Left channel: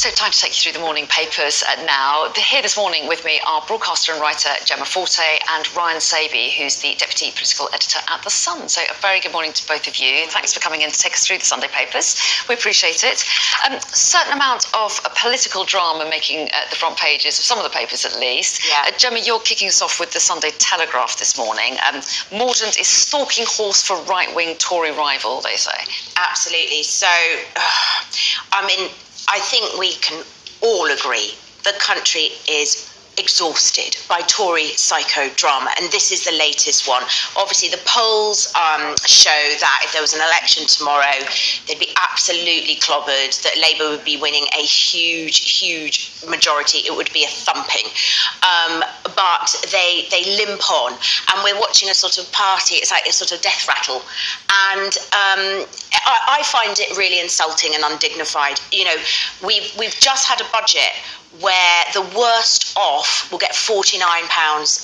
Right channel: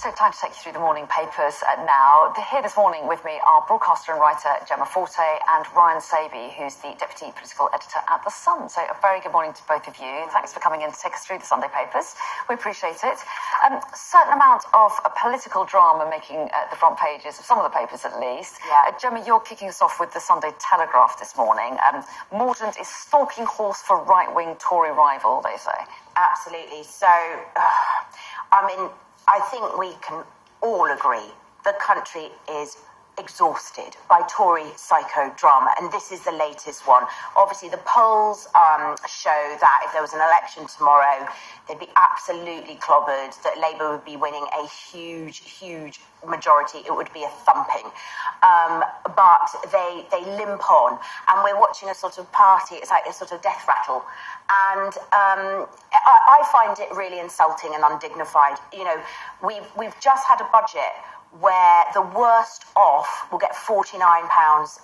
So time to take you through the morning papers now. Here this morning with me are broadcaster and writer Gemma Forte and Ryan Sabey, who's the Deputy Political Editor at The Sun. So a very good morning to both of you. Thanks for coming in to take us through the Sunday papers. We appreciate it. Certain amount of political drama making the front pages of some of the papers at least. Yeah. Gemma, you're kicking us off with the Sunday Telegraph this morning. Mordaunt is stalking horse for right-wing Tory rival, they say. Absolutely. So, I think we can all agree the country is exhausted by Tory psychodrama, and this is the latest one. Obviously, the polls show that if there was an election tomorrow, they'd be absolutely clobbered, that Labour would be winning a huge majority. It would be a thumping. But they limp on, and we're watching a sort of party. It's like a sort of death rattle. And I find it really insulting and undignified. You know, we've just had a budget where the worst off will get £49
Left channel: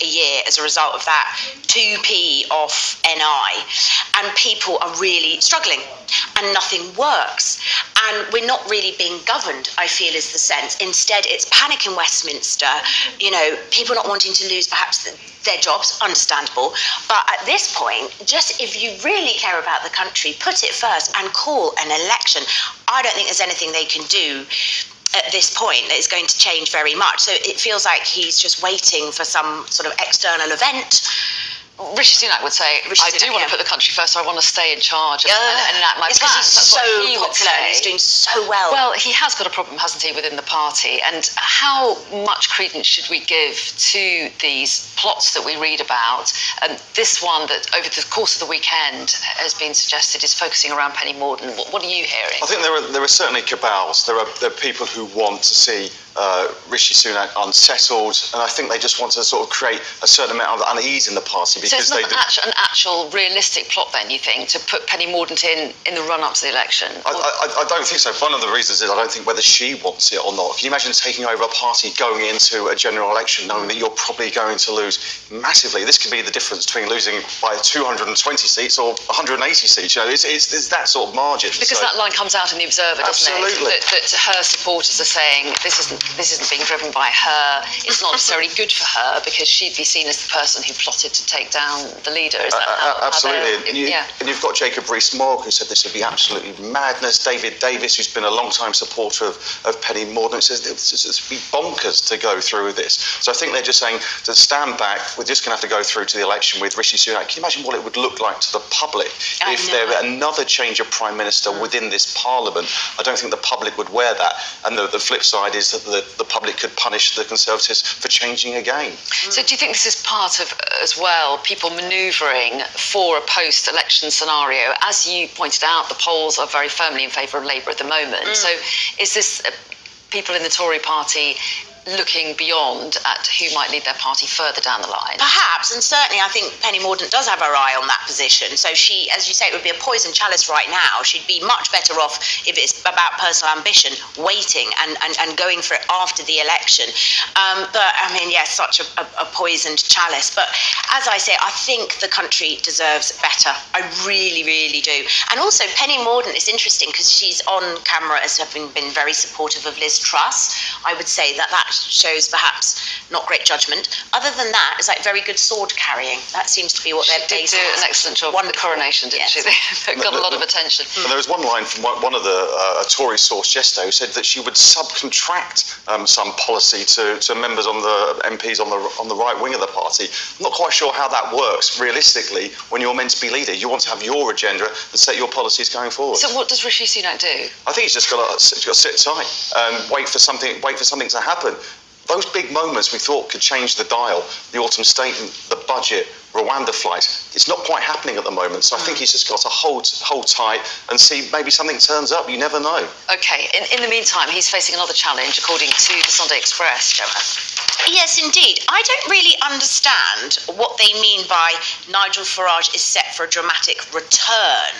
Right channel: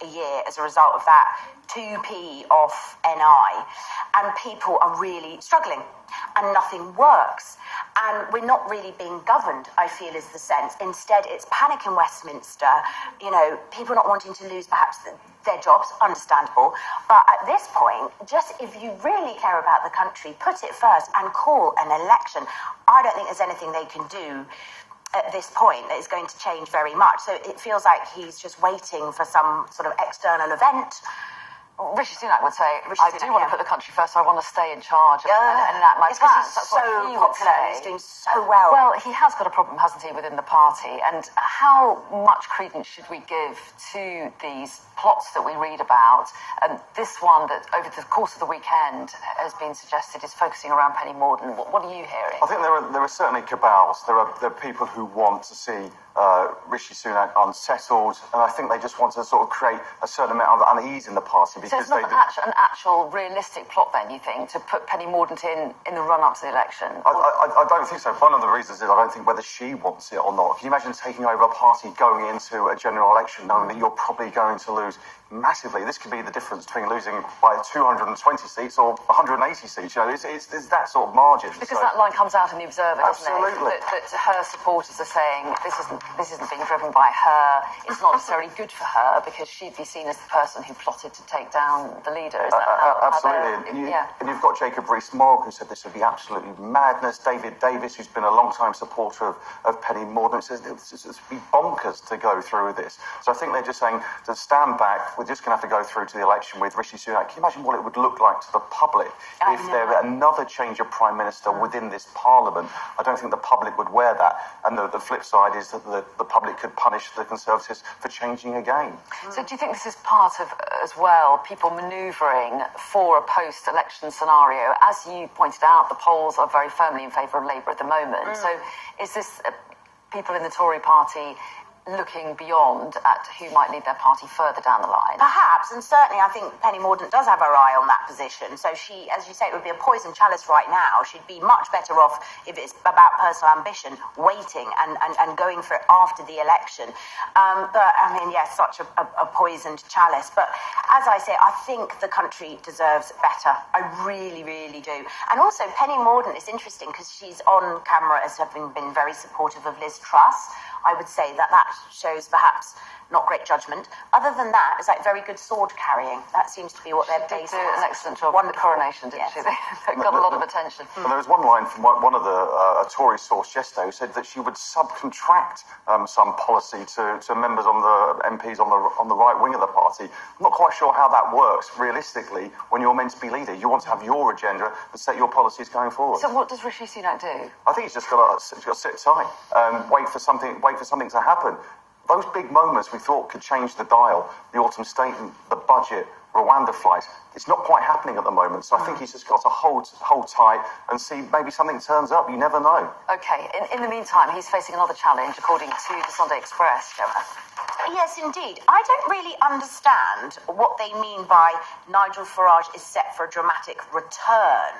a year as a result of that, 2p off NI, and people are really struggling and nothing works. And we're not really being governed, I feel, is the sense. Instead, it's panic in Westminster, you know, people not wanting to lose perhaps their jobs, understandable. But at this point, just if you really care about the country, put it first and call an election. I don't think there's anything they can do at this point that is going to change very much. So it feels like he's just waiting for some sort of external event. Rishi Sunak would say, I do want to put the country first, so I want to stay in charge and enact my plans. It's because he's That's so what he would popular and he's doing so well. Well, he has got a problem, hasn't he, within the party? And how much credence should we give to these plots that we read about? And this one that over the course of the weekend has been suggested is focusing around Penny Mordaunt. What are you hearing? I think there are certainly cabals. There are people who want to see Rishi Sunak unsettled, and I think they just want to sort of create a certain amount of unease in the party because so it's not an actual realistic plot then, you think, to put Penny Mordaunt in the run-up to the election? I don't think so. One of the reasons is I don't think whether she wants it or not. Can you imagine taking over a party going into a general election knowing that you're probably going to lose massively? This could be the difference between losing by 220 seats or 180 seats. You know, it's that sort of margin. Because that line comes out in the Observer, doesn't it? That her supporters are saying this isn't being driven by her. It's not necessarily good for her because she'd be seen as the person who plotted to take down the leader. Is that absolutely? And you've got Jacob Rees-Mogg, who said this would be absolutely madness. David Davis, who's been a long-time supporter of Penny Mordaunt, says this would be bonkers to go through with this. So I think they're just saying to stand back. We're just going to have to go through to the election with Rishi Sunak. Can you imagine what it would look like to the public if there were another change of Prime Minister within this Parliament? I don't think the public would wear that. And the flip side is that the public could punish the Conservatives for changing again. So do you think this is part of, as well, people manoeuvring for a post-election scenario? As you pointed out, the polls are very firmly in favour of Labour at the moment. So is this people in the Tory party looking beyond at who might lead their party further down the line? Perhaps, and certainly I think Penny Mordaunt does have her eye on that position. So she, as you say, it would be a poison chalice right now. She'd be much better off, if it's about personal ambition, waiting and going for it after the election. But, I mean, yes, such a poisoned chalice. But as I say, I think the country deserves better. I really, really do. And also, Penny Mordaunt is interesting because she's on camera as having been very supportive of Liz Truss. I would say that shows perhaps not great judgment. Other than that, it's like very good sword carrying. That seems to be what they're based on. She did do an excellent job with the coronation, didn't she? They got a lot of attention. And there was one line from one of a Tory source yesterday who said that she would subcontract some policy to members on the MPs on the right wing of the party. I'm not quite sure how that works realistically when you're meant to be leader. You want to have your agenda and set your policies going forward. So what does Rishi Sunak do? I think he's just got to sit tight and wait for something to happen. Those big moments we thought could change the dial, the autumn statement, the budget, Rwanda flight, it's not quite happening at the moment. So I think he's just got to hold tight and see maybe something turns up. You never know. OK, in the meantime, he's facing another challenge, according to the Sunday Express, Gemma. Yes, indeed. I don't really understand what they mean by Nigel Farage is set for a dramatic return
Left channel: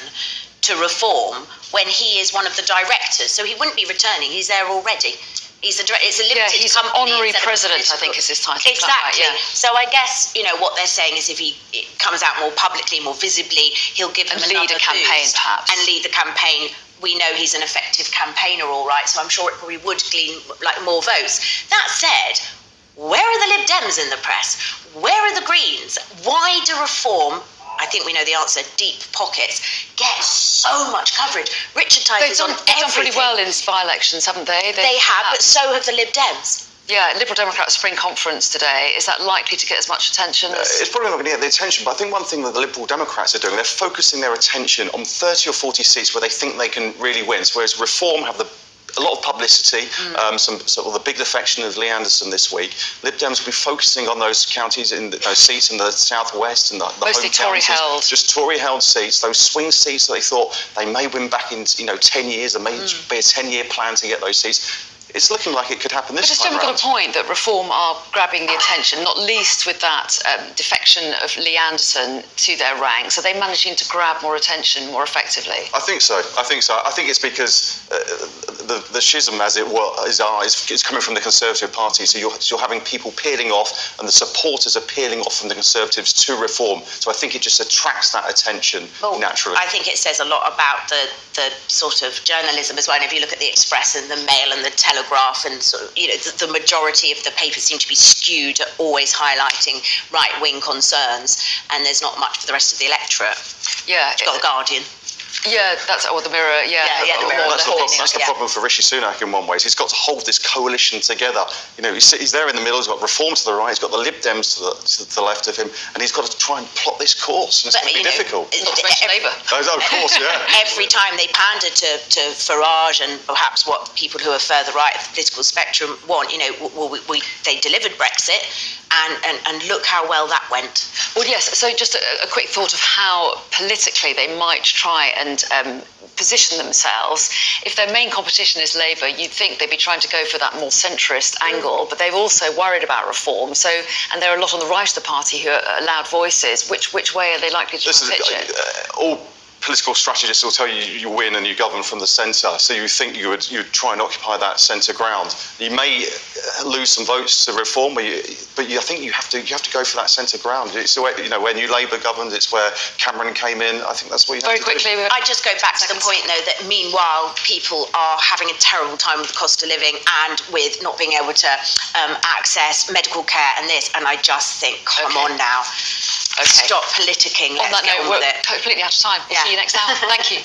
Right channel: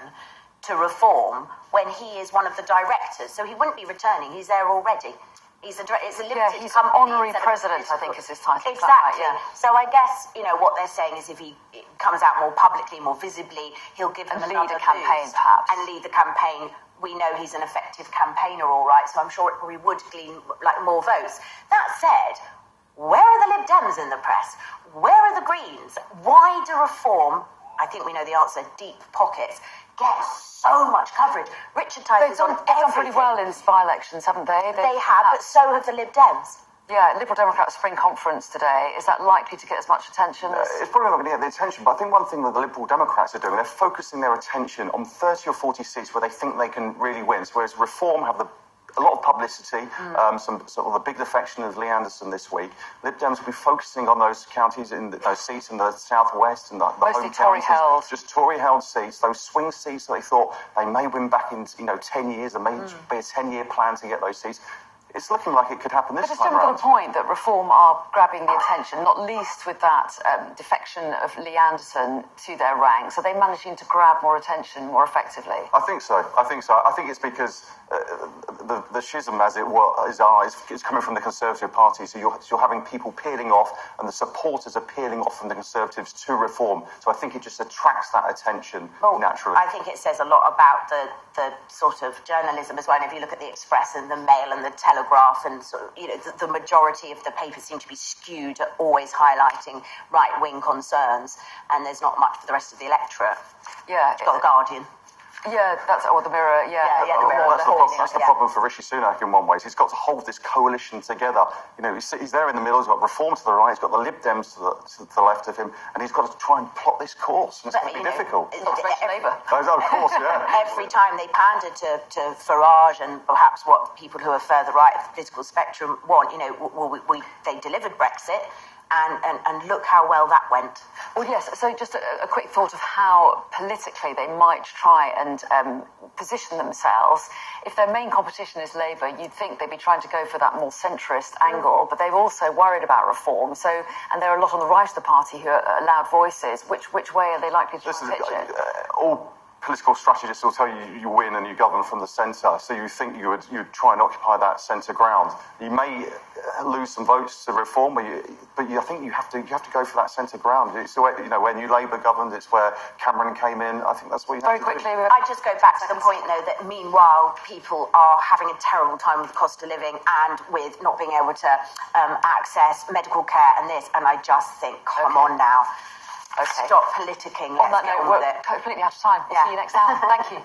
to reform when he is one of the directors. So he wouldn't be returning. He's there already. It's a limited he's company. Honorary president, I think, is his title. Exactly. Right, So I guess, what they're saying is if he comes out more publicly, more visibly, he'll give them lead a campaign, perhaps. And lead the campaign we know he's an effective campaigner, all right, so I'm sure it probably would glean like more votes. That said, where are the Lib Dems in the press? Where are the Greens? Why do Reform, I think we know the answer, deep pockets, get so much coverage? Richard Tyke is on everything. They've done pretty well in by-elections, haven't they? They have, but so have the Lib Dems. Yeah, Liberal Democrat Spring Conference today. Is that likely to get as much attention? It's probably not going to get the attention, but I think one thing that the Liberal Democrats are doing, they're focusing their attention on 30 or 40 seats where they think they can really win. So whereas Reform have a lot of publicity, some sort of the big defection of Lee Anderson this week. Lib Dems will be focusing on those counties, in those seats in the southwest and the mostly home Tory counties, held. just Tory held seats, those swing seats that they thought they may win back in 10 years. There may be a 10-year plan to get those seats. It's looking like it could happen this but time it's round. still got a point that Reform are grabbing the attention, not least with that defection of Lee Anderson to their ranks. Are they managing to grab more attention more effectively? I think so. I think it's because the schism, as it is coming from the Conservative Party. So you're having people peeling off, and the supporters are peeling off from the Conservatives to Reform. So I think it just attracts that attention naturally. I think it says a lot about the sort of journalism as well. And if you look at the Express and the Mail and the Telegraph, and sort of, the majority of the papers seem to be skewed, always highlighting right-wing concerns, and there's not much for the rest of the electorate. Yeah, You've got the Guardian. Yeah, the Mirror. Yeah, the Mirror. That's the problem for Rishi Sunak in one way. He's got to hold this coalition together. He's there in the middle. He's got Reform to the right. He's got the Lib Dems to the left of him, and he's got to try and plot this course. And it's going to be difficult. Labour. Of course, yeah. Every time they pander to Farage and perhaps what people who are further right of the political spectrum want, they delivered Brexit. And look how well that went. Well, yes, so just a quick thought of how politically they might try and position themselves. If their main competition is Labour, you'd think they'd be trying to go for that more centrist angle, but they've also worried about reform. So, and there are a lot on the right of the party who are loud voices. Which way are they likely to pitch it? All political strategists will tell you you win and you govern from the centre, so you think you'd try and occupy that centre ground. You may lose some votes to Reform, but I think you have to go for that centre ground. It's the way, when New Labour governed, it's where Cameron came in. I think that's what you have to do. Very quickly. I just go back to the point, though, that meanwhile people are having a terrible time with the cost of living and with not being able to access medical care and this, and I just think, come on now. Okay. Stop politicking. On that note, we're completely out of time. We'll see you next hour. Thank you.